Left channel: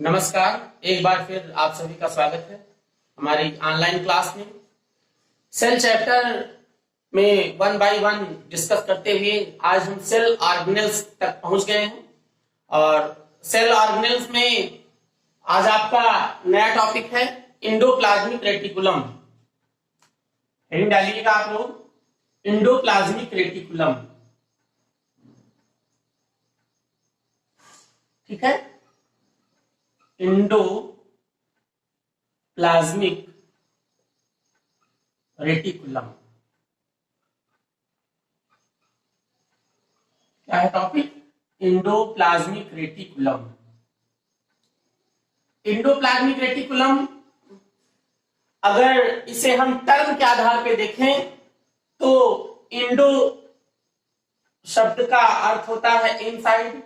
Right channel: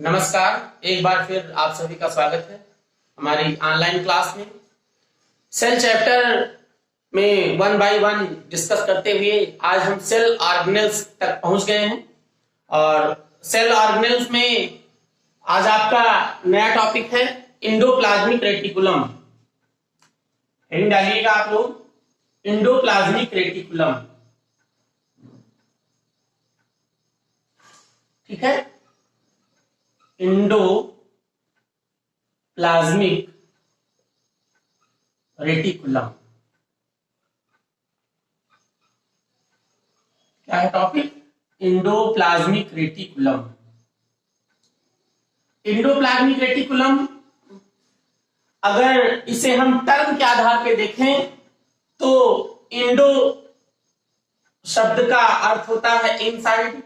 नमस्कार। एक बार फिर आप सभी का स्वागत है हमारी ऑनलाइन क्लास में। सेल चैप्टर में वन बाय वन डिस्कस करते हुए आज हम सेल ऑर्गेनेल्स तक पहुंच गए हैं और सेल ऑर्गेनेल्स में आज आपका नया टॉपिक है इंडोप्लाज्मिक रेटिकुलम। हेडिंग डालिएगा आप लोग, इंडोप्लाज्मिक रेटिकुलम। ठीक है, इंडोप्लाज्मिक रेटिकुलम क्या है topic? Endoplasmic reticulum. Endoplasmic reticulum अगर इसे हम टर्म के आधार पे देखें तो इंडो शब्द का अर्थ होता है इनसाइड।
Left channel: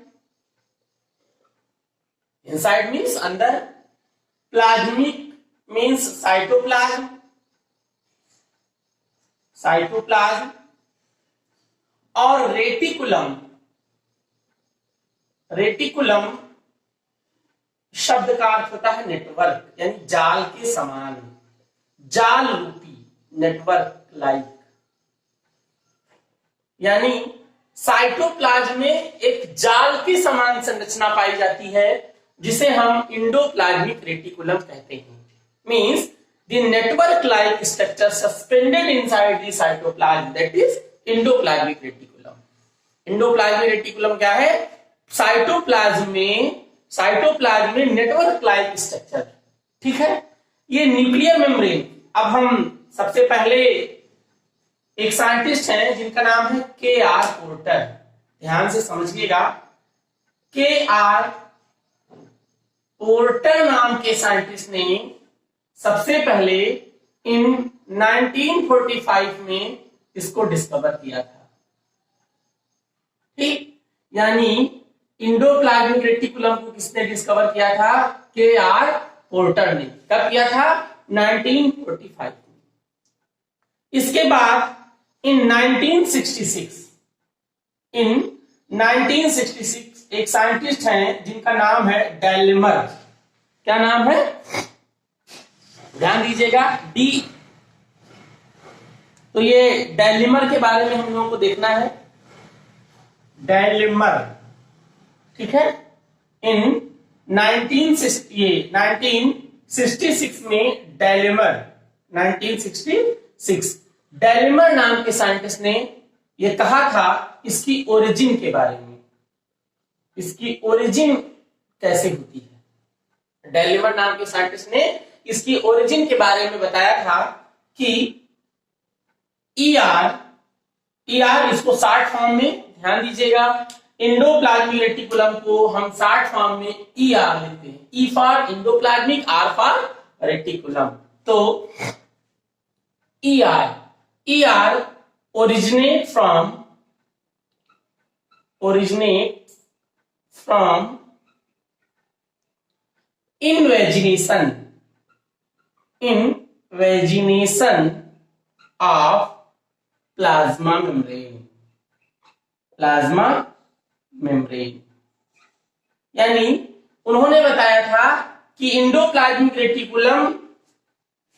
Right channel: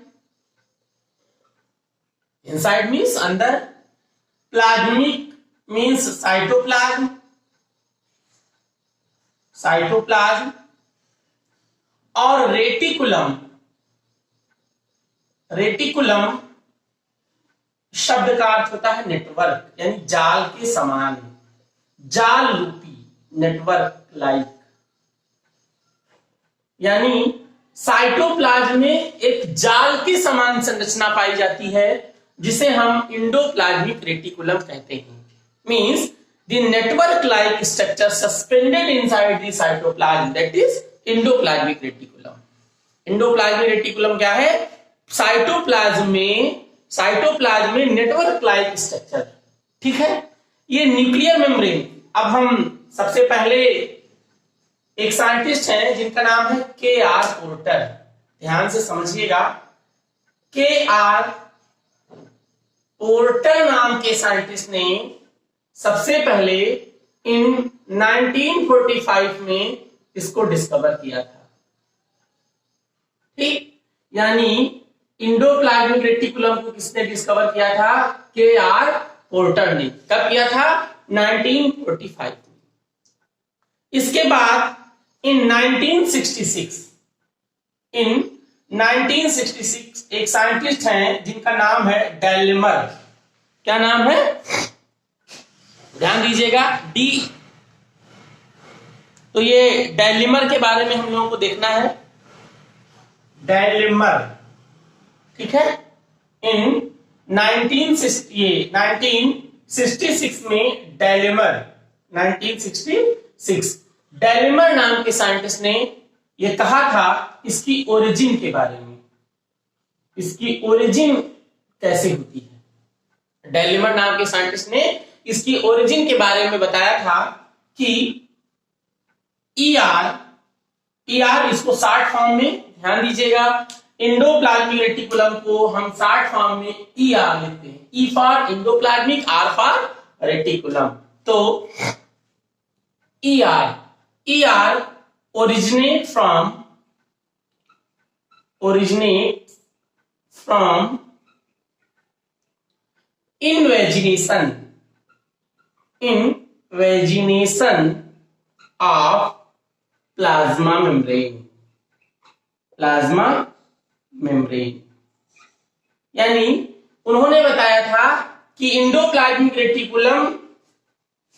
इनसाइड मीन्स अंदर, प्लाज्मिक मीन्स साइटोप्लाज्म, साइटोप्लाज्म और रेटिकुलम, रेटिकुलम शब्द का अर्थ होता है नेटवर्क, यानी जाल के समान, जाल रूपी नेटवर्क लाइक। यानी साइटोप्लाज्म में एक जाल के समान संरचना पाई जाती है जिसे हम इंडोप्लाज्मिक रेटिकुलम कहते हैं। Means the network like structure suspended inside the cytoplasm, that is endoplasmic reticulum. Endoplasmic reticulum क्या है? साइटोप्लाज्म में नेटवर्क लाइक स्ट्रक्चर। ठीक है, ये न्यूक्लियर मेम्ब्रेन। अब हम सबसे पहले एक साइंटिस्ट हैं जिनका नाम है K.R. पोर्टर। ध्यान से समझिएगा, K.R. पोर्टर नाम के साइंटिस्ट ने सबसे पहले इन 1945 में इसको डिस्कवर किया था। ठीक, यानी इंडोप्लाज्मिक रेटिकुलम को किसने डिस्कवर किया था? K.R. पोर्टर ने। कब किया था? 1945 में। इसके बाद इन 1966 एक साइंटिस्ट हैं जिनका नाम है डेल्मर। क्या नाम है? ध्यान दीजिएगा, डी। तो ये डेल्मर के बारे में हम लोगों को देखना है। डेल्मर, ठीक है। इन 1966 में डेल्मर, 1966 डेल्मर नाम के साइंटिस्ट ने यह कहा था इसकी ओरिजिन के बारे में, इसकी ओरिजिन कैसे होती है। डेल्मर नाम के साइंटिस्ट ने इसकी ओरिजिन के बारे में बताया था कि ईआर इसको शॉर्ट फॉर्म में, ध्यान दीजिएगा, इंडोप्लाज्मिक रेटिकुलम को हम शॉर्ट फॉर्म में ईआर लिखते हैं। E for endoplasmic, R for reticulum. तो ER originate from invagination of plasma membrane, यानी उन्होंने बताया था कि इंडोप्लाज्मिक रेटिकुलम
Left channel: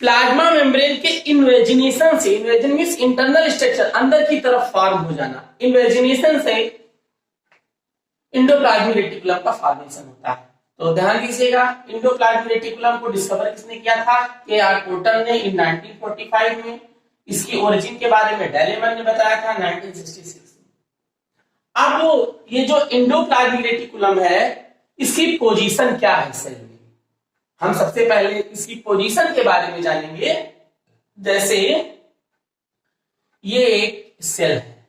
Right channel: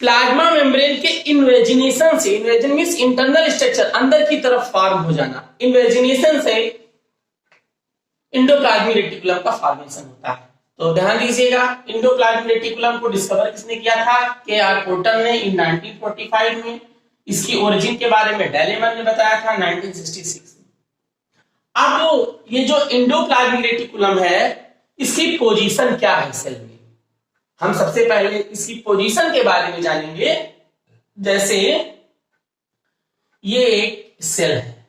प्लाज्मा मेम्ब्रेन के इन्वेजिनेशन से, इन्वेजन मीन्स इंटरनल स्ट्रक्चर, अंदर की तरफ फॉर्म हो जाना, इन्वेजिनेशन से इंडोप्लाज्मिक रेटिकुलम का फॉर्मेशन होता है। तो ध्यान दीजिएगा, इंडोप्लाज्मिक रेटिकुलम को डिस्कवर किसने किया था? K.R. पोर्टर ने इन 1945 में। इसकी ओरिजिन के बारे में डेल्मर ने बताया था 1966 में। अब ये जो इंडोप्लाज्मिक रेटिकुलम है, इसकी पोजीशन क्या है सेल में? हम सबसे पहले इसकी पोजीशन के बारे में जानेंगे। जैसे ये एक सेल है,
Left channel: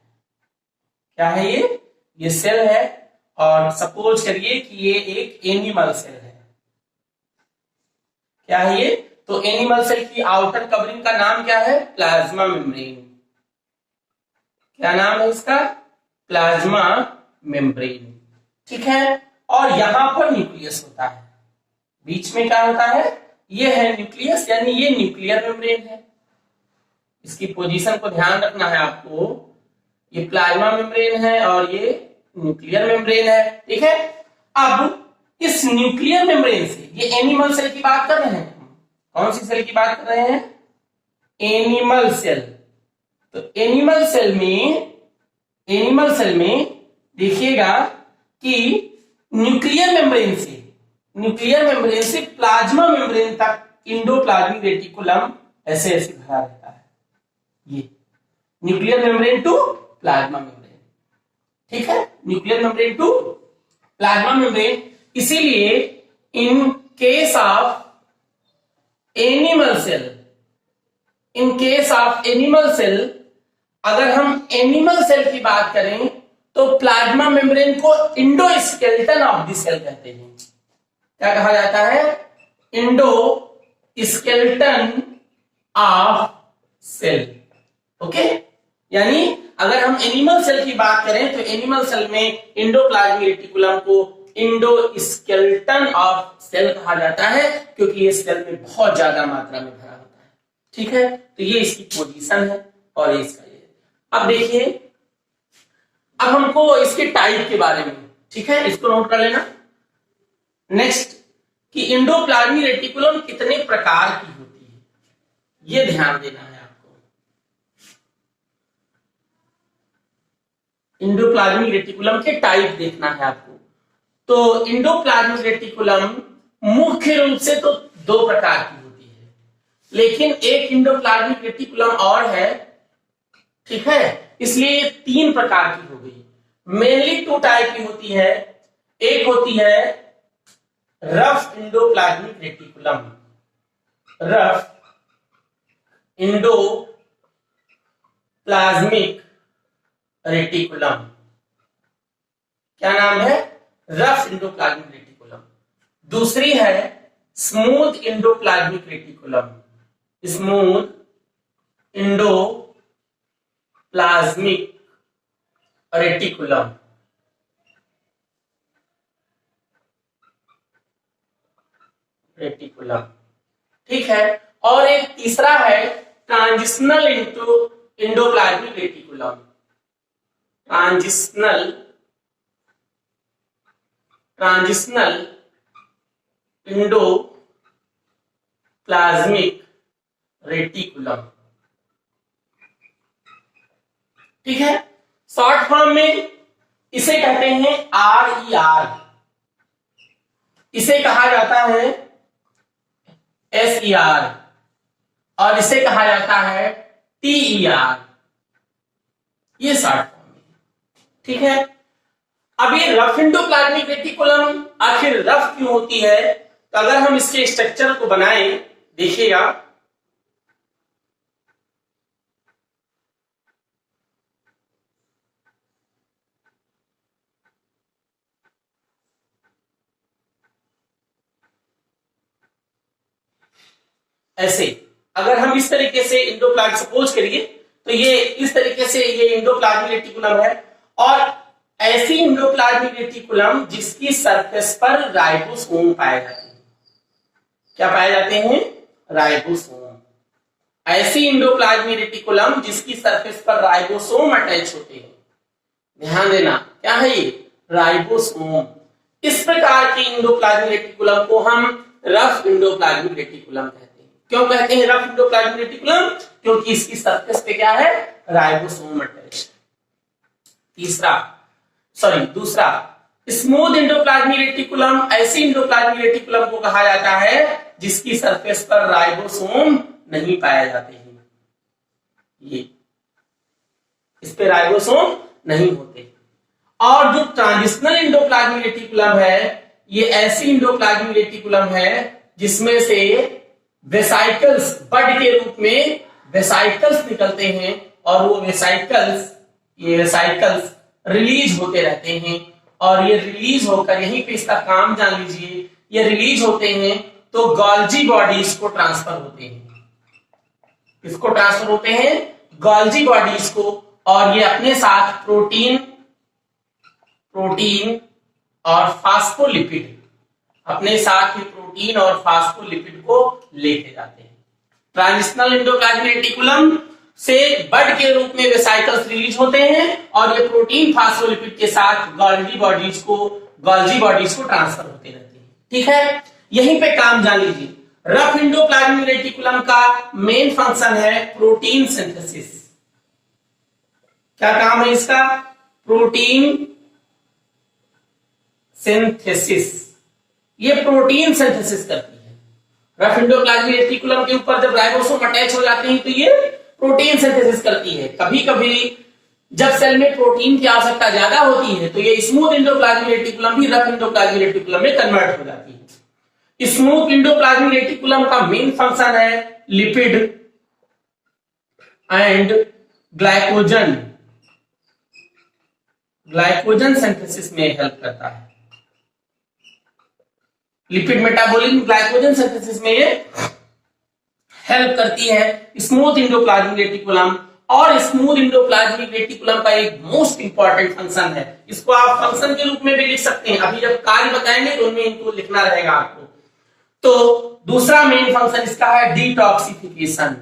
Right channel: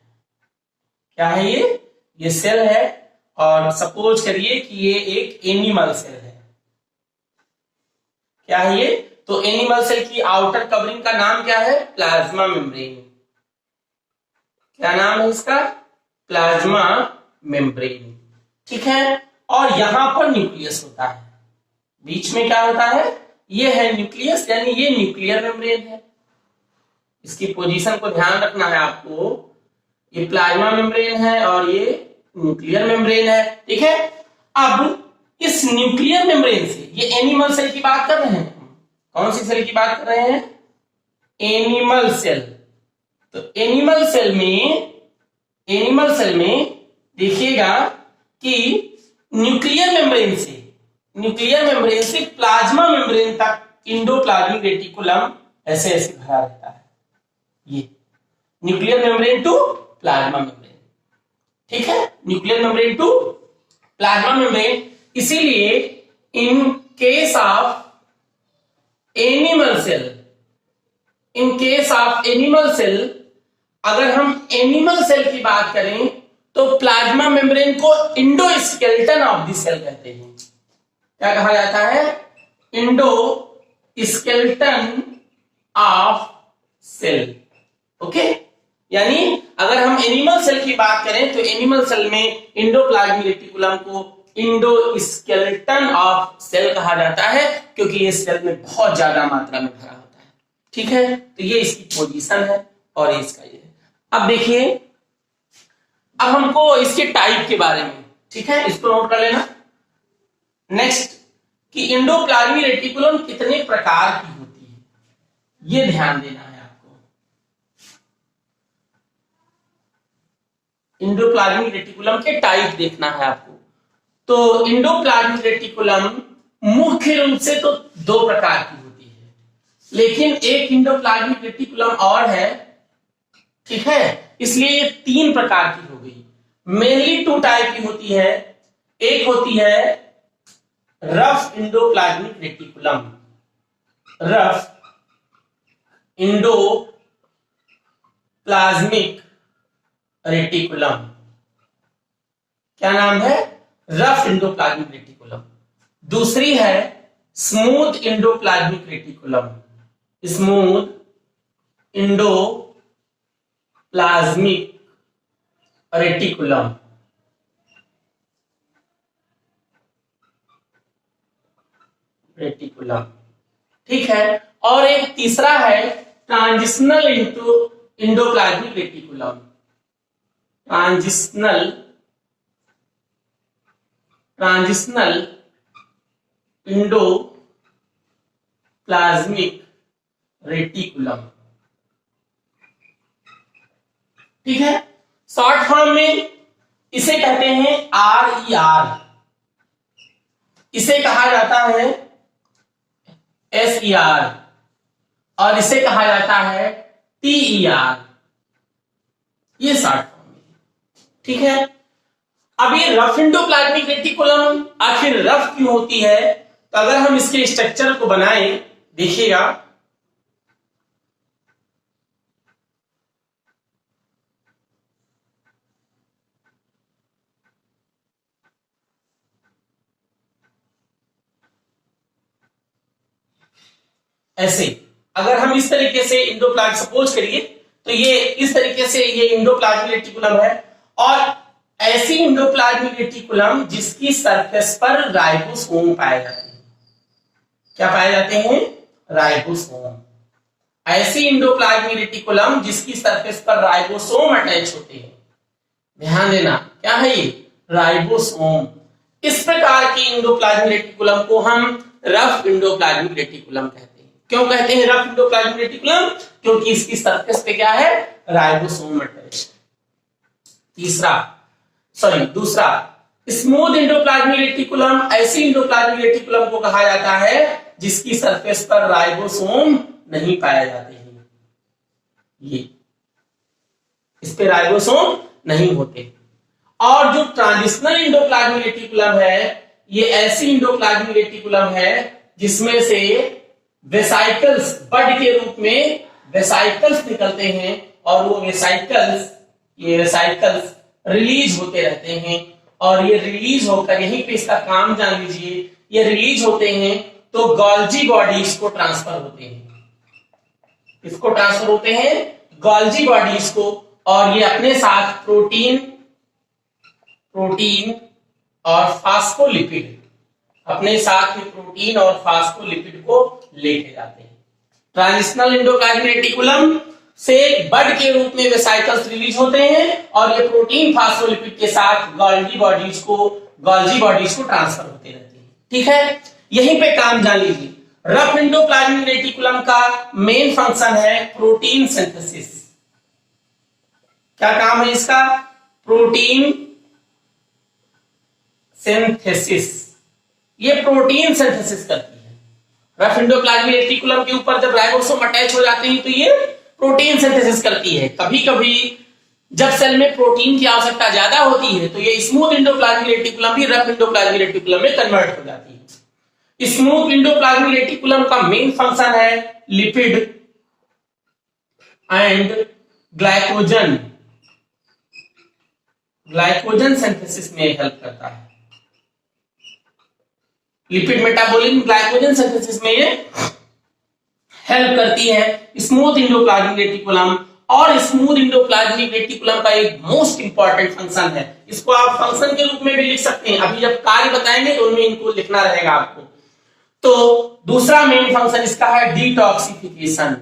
क्या है ये सेल है, और सपोज करिए कि ये एक एनिमल सेल है। क्या है ये? तो एनिमल सेल की आउटर कवरिंग का नाम क्या है? Plasma membrane. क्या नाम है इसका? Plasma membrane. ठीक है, और यहां पर न्यूक्लियस होता है। बीच में क्या होता है? ये है न्यूक्लियस, यानी ये न्यूक्लियर मेम्ब्रेन है। इसकी पोजीशन को ध्यान रखना है आपको। ये प्लाज्मा मेम्ब्रेन है और ये न्यूक्लियर मेम्ब्रेन है। ठीक है, अब इस न्यूक्लियर मेम्ब्रेन से, ये एनिमल सेल की बात कर रहे हैं, कौन सी सेल की बात कर रहे हैं, एनिमल सेल। तो एनिमल सेल में देखिएगा कि न्यूक्लियर मेम्ब्रेन से प्लाज्मा मेम्ब्रेन तक इंडोप्लाज्मिक रेटिकुलम ऐसे ऐसे भरा रहता है। ये nuclear membrane to plasma membrane, ठीक है, nuclear membrane to plasma membrane. इसीलिए in case of animal cell, अगर हम एनिमल सेल की बात करें तो प्लाज्मा मेम्ब्रेन को इंडोस्केलेटन ऑफ द सेल कहते हैं। क्या कहा जाता है, इंडोस्केलेटन ऑफ सेल। ओके, यानी अगर हम एनिमल सेल की बात करें तो एनिमल सेल में इंडोप्लाज्मिक रेटिकुलम को इंडोस्केलेटन ऑफ सेल कहा जाता है, क्योंकि ये सेल में बहुत ज्यादा मात्रा में भरा होता है। ठीक है, तो ये इसकी पोजीशन है और इसका ये। अब देखिए, अब हमको इसके टाइप के बारे में, ठीक है, इसको नोट कर लेना। नेक्स्ट कि इंडोप्लाज्मिक रेटिकुलम कितने प्रकार की होती है, ये ध्यान देना है आपको। इंडोप्लाज्मिक रेटिकुलम के टाइप देखना है आपको। तो इंडोप्लाज्मिक रेटिकुलम मुख्य रूप से तो 2 प्रकार की होती है, लेकिन एक इंडोप्लाज्मिक रेटिकुलम और है, ठीक है, इसलिए ये 3 प्रकार की हो गई। मेनली 2 टाइप की होती है। एक होती है rough endoplasmic reticulum, rough endoplasmic reticulum, क्या नाम है, रफ इंडोप्लाज्मिक रेटिकुलम। दूसरी है smooth endoplasmic reticulum, smooth endoplasmic reticulum. ठीक है, और एक तीसरा है transitional endoplasmic reticulum, transitional endoplasmic reticulum. ठीक है, शॉर्ट फॉर्म में इसे कहते हैं RER, इसे कहा जाता है SER और इसे कहा जाता है TER, ये शॉर्ट फॉर्म है। ठीक है, अब ये रफ इंडोप्लाज्मिक रेटिकुलम आखिर रफ क्यों होती है, तो अगर हम इसके स्ट्रक्चर को बनाएं, देखिएगा, ऐसे अगर हम इस तरीके से इंडोप्लाज्मिक सपोज करिए तो ये इस तरीके से ये इंडोप्लाज्मिक रेटिकुलम है, और ऐसी इंडोप्लाज्मिक रेटिकुलम जिसकी सरफेस पर राइबोसोम पाए जाते हैं। क्या पाए जाते हैं, राइबोसोम। ऐसी इंडोप्लाज्मिक रेटिकुलम जिसकी सरफेस पर राइबोसोम अटैच होते हैं, ध्यान देना, क्या है ये, राइबोसोम। इस प्रकार की इंडोप्लाज्मिक रेटिकुलम को हम रफ इंडोप्लाज्मिक रेटिकुलम कहते हैं। क्यों कहते हैं रफ इंडोप्लाज्मिक रेटिकुलम, क्योंकि इसकी सरफेस पे क्या है, राइबोसोम अटैच। दूसरा स्मूथ इंडोप्लाज्मिक रेटिकुलम, ऐसी इंडोप्लाज्मिक रेटिकुलम को कहा जाता है जिसकी सरफेस पर राइबोसोम नहीं पाए जाते हैं, ये इस पे राइबोसोम नहीं होते। और जो ट्रांजिशनल इंडोप्लाज्मिक रेटिकुलम है, ये ऐसी इंडोप्लाज्मिक रेटिकुलम है जिसमें से वेसाइकल्स, बड के रूप में वेसाइकल्स निकलते हैं, और वो वेसाइकल्स रिलीज होते रहते हैं, और ये रिलीज होकर, यहीं पे इसका काम जान लीजिए, ये रिलीज होते हैं तो गोल्जी बॉडीज को ट्रांसफर होते हैं, किसको ट्रांसफर होते हैं, गोल्जी बॉडीज को, और ये अपने साथ प्रोटीन और फास्फोलिपिड, अपने साथ में प्रोटीन और फास्फोलिपिड को लेके जाते हैं। ट्रांजिशनल इंडोप्लाज्मिक रेटिकुलम से बड के रूप में वेसाइकल्स रिलीज होते हैं, और ये प्रोटीन फास्फोलिपिड के साथ गोल्जी बॉडीज को ट्रांसफर होते रहते हैं। ठीक है, यहीं पे काम जान लीजिए। रफ एंडोप्लाज्मिक रेटिकुलम का मेन फंक्शन है प्रोटीन सिंथेसिस। क्या काम है इसका? Protein synthesis. ये प्रोटीन सिंथेसिस करती है। रफ एंडोप्लाज्मिक रेटिकुलम के ऊपर जब राइबोसोम अटैच हो जाते हैं तो ये प्रोटीन सिंथेसिस करती है। कभी कभी जब सेल में प्रोटीन की आवश्यकता ज्यादा होती है तो ये स्मूथ एंडोप्लाज्मिक रेटिकुलम भी रफ एंडोप्लाज्मिक रेटिकुलम में कन्वर्ट हो जाती है। स्मूथ एंडोप्लाज्मिक रेटिकुलम का मेन फंक्शन है लिपिड एंड ग्लाइकोजन सिंथेसिस में हेल्प करता है। लिपिड मेटाबॉलिज्म ग्लाइकोजन सिंथेसिस में ये हेल्प करती है स्मूथ एंडोप्लाज्मिक रेटिकुलम। और स्मूथ एंडोप्लाज्मिक रेटिकुलम का एक मोस्ट इंपॉर्टेंट फंक्शन है, इसको आप फंक्शन के रूप में भी लिख सकते हैं। अभी जब कार्य बताएंगे तो उनमें इनको लिखना रहेगा आपको। तो दूसरा मेन फंक्शन इसका है डिटॉक्सिफिकेशन।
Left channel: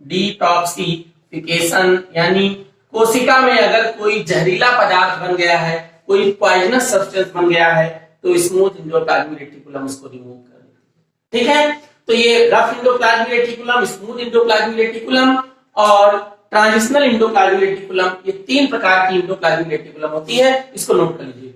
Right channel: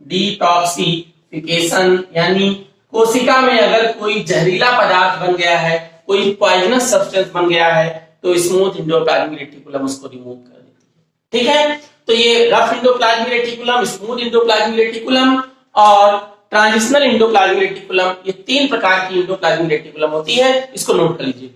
डिटॉक्सिफिकेशन यानी कोशिका में अगर कोई जहरीला पदार्थ बन गया है, कोई पॉइजनस सब्सटेंस बन गया है, तो स्मूथ एंडोप्लाज्मिक रेटिकुलम उसको रिमूव कर देती है। ठीक है, तो ये rough endoplasmic reticulum, smooth endoplasmic reticulum और ट्रांजिशनल एंडोप्लाज्मिक रेटिकुलम, ये तीन प्रकार की एंडोप्लाज्मिक रेटिकुलम होती है। इसको नोट कर लीजिए।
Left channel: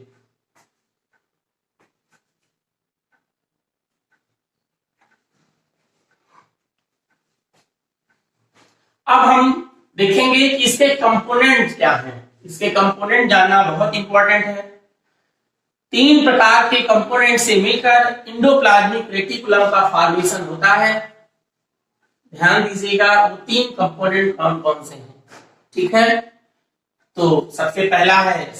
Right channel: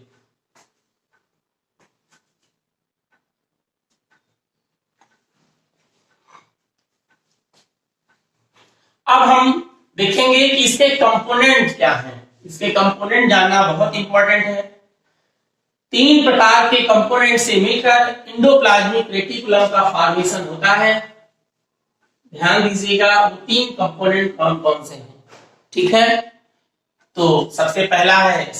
अब हम देखेंगे कि इसके कंपोनेंट क्या हैं। इसके कंपोनेंट जानना बहुत इंपॉर्टेंट है। तीन प्रकार के कंपोनेंट से मिलकर एंडोप्लाज्मिक रेटिकुलम का फॉर्मेशन होता है। ध्यान दीजिएगा वो तीन कंपोनेंट कौन कौन से हैं। ठीक है, तो सबसे पहला है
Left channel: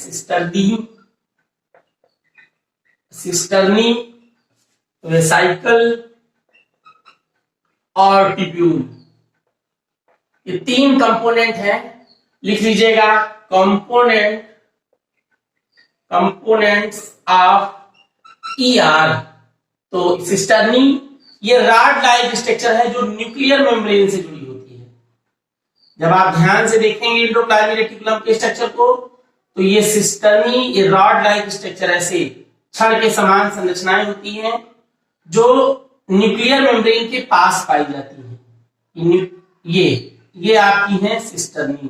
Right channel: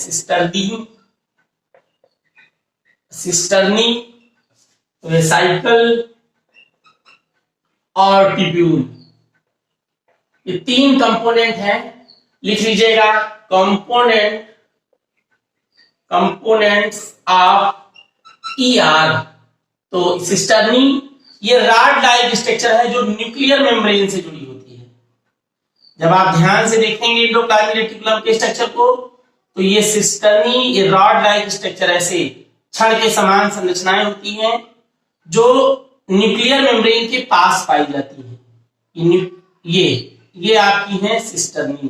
सिस्टर्नी, वेसाइकल और ट्यूब्यूल। ये तीन कंपोनेंट हैं, लिख लीजिएगा। Components of ER. तो सिस्टर्नी ये रॉड लाइक स्ट्रक्चर है जो न्यूक्लियर मेम्ब्रेन से जुड़ी होती है। जब आप ध्यान से देखेंगे एंडोप्लाज्मिक रेटिकुलम के स्ट्रक्चर को तो ये सिस्टर्नी, ये रॉड लाइक स्ट्रक्चर ऐसे छड़ के समान संरचनाएं होती हैं जो न्यूक्लियर मेम्ब्रेन के पास पाई जाती हैं। ये आपकी है सिस्टर्नी।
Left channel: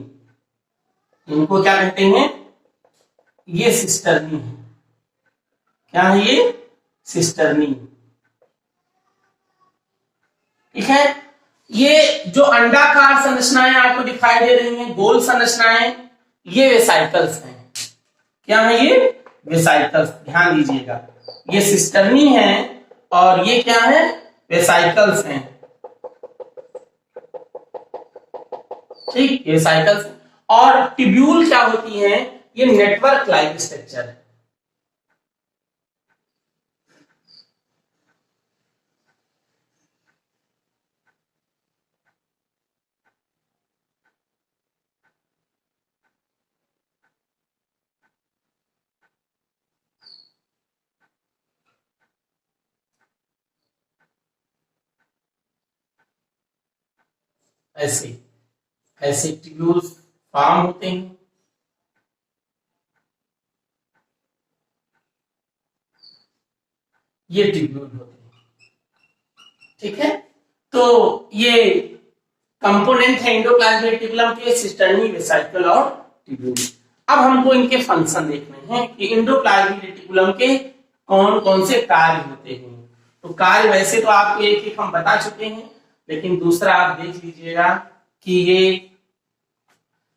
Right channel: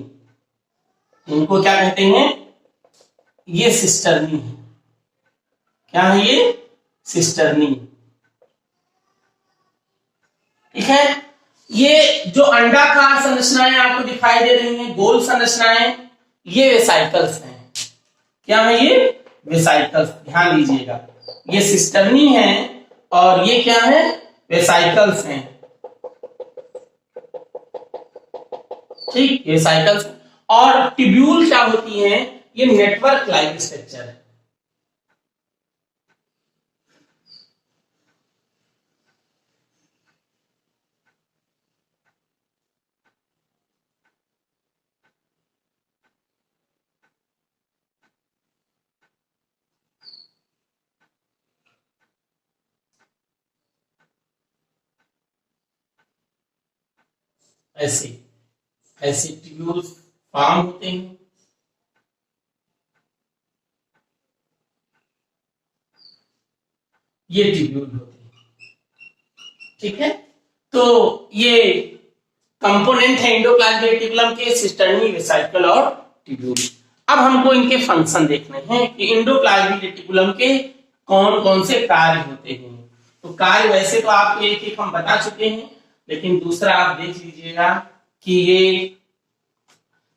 इनको क्या कहते हैं? ये सिस्टर्नी है। क्या है ये? सिस्टर्नी। ठीक है, ये जो अंडाकार संरचनाएं आपको दिखाई दे रही हैं, गोल संरचनाएं, ये वेसाइकल्स हैं। क्या है ये? वेसाइकल्स। ध्यान दीजिएगा, ये सिस्टर्नी है और ये क्या है? वेसाइकल्स हैं। ठीक, वेसाइकल्स। और ट्यूब्यूल क्या होती है? ये नेटवर्क लाइक स्ट्रक्चर है। ऐसे ट्यूब्यूल्स फॉर्म होते हैं। ये ट्यूब्यूल होते हैं। ठीक है, तो ये कंपोनेंट है एंडोप्लाज्मिक रेटिकुलम के, सिस्टर्नी, वेसाइकल और ट्यूब्यूल। अब हमको इनके फंक्शन देखने हैं कि एंडोप्लाज्मिक रेटिकुलम के कौन कौन से कार्य होते हैं। तो कार्य वैसे तो आपको एक एक हम बता चुके हैं, लेकिन दूसरा आप देख लीजिएगा कि ये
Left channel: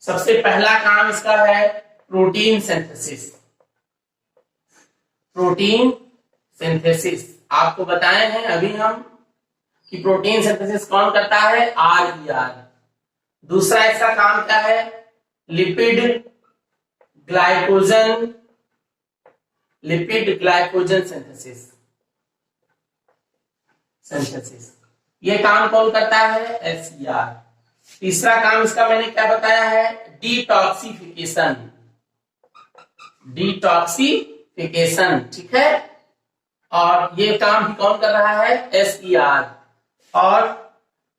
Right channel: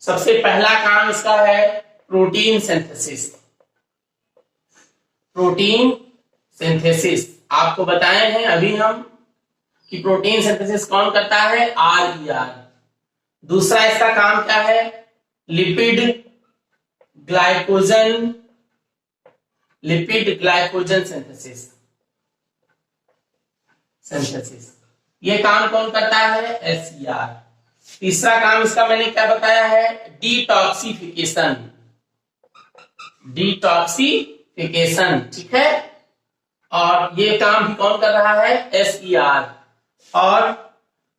सबसे पहला काम इसका है प्रोटीन सिंथेसिस। प्रोटीन सिंथेसिस आपको बताए हैं अभी हम कि प्रोटीन सिंथेसिस कौन करता है? आर। दूसरा इसका काम क्या है? Lipid glycogen synthesis. ये काम कौन करता है? एसईआर। तीसरा काम इसका मैंने क्या बताया है? डिटॉक्सिफिकेशन। ठीक है, और ये काम भी कौन कर रहा है? एसईआर। और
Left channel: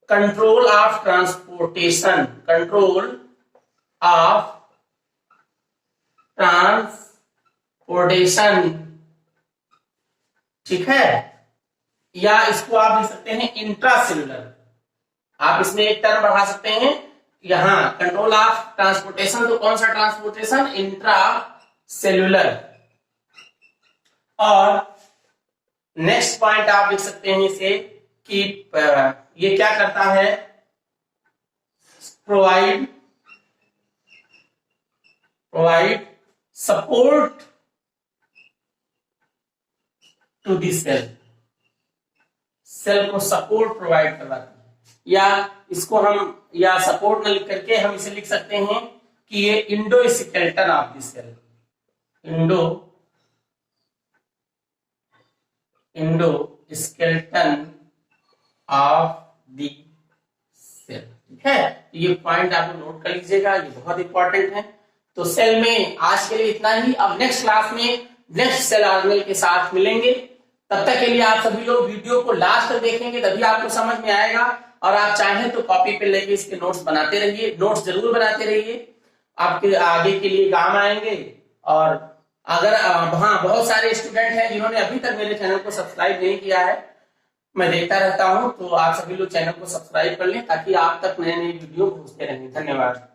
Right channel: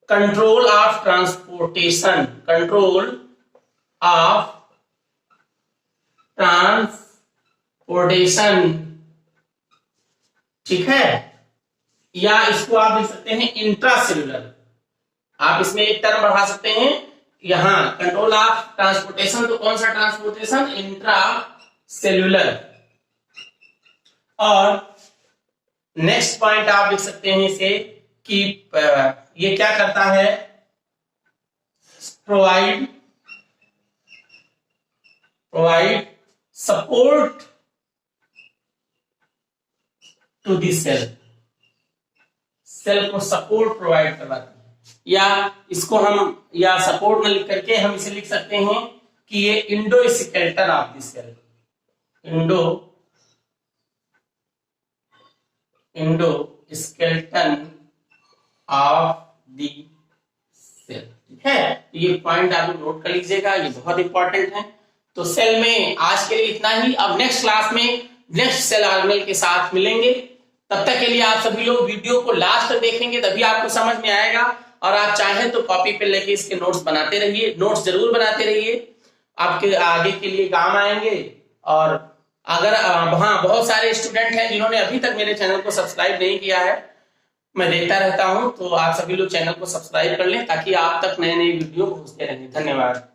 कंट्रोल ऑफ ट्रांसपोर्टेशन, ठीक है, या इसको आप लिख सकते हैं इंट्रासेलुलर। आप इसमें एक टर्म बढ़ा सकते हैं, यहां कंट्रोल ऑफ ट्रांसपोर्टेशन, तो कौन सा ट्रांसपोर्टेशन, इंट्रा सेल्यूलर। और नेक्स्ट पॉइंट आप लिख सकते हैं इसे कि ये क्या करता है, provide support to the cell को सपोर्ट प्रोवाइड करवाता है। या इसको हम या सपोर्ट में लिख करके हम इसे लिख सकते हैं कि ये endoskeleton of the cell, endoskeleton of the cell. ठीक है, तो ये पॉइंट आप नोट कर लीजिएगा, ये बहुत इंपॉर्टेंट है। तो सेल में आज के लिए इतना ही। अब नेक्स्ट क्लास में नेक्स्ट सेल ऑर्गेनेल के साथ मिलेंगे। तब तक के लिए आप सभी लोग वीडियो को लास्ट तक देखेंगे, तभी आपको समझ में आएगा। और आप चाहें तो कॉपी पे लेके इसके नोट्स बनाते रहिए, नोट्स जरूर बनाते रहिए, आपके आगे के लिए काम आएंगे। और अगर वहां बहुत सारे स्टूडेंट हैं जिन्होंने अभी तक मेरे चैनल को सब्सक्राइब नहीं किया है, मैं देता रहता हूं, तो आप सभी लोग चैनल को सब्सक्राइब कर लें ताकि आप तक नए नए वीडियो पहुंचते रहें। धन्यवाद।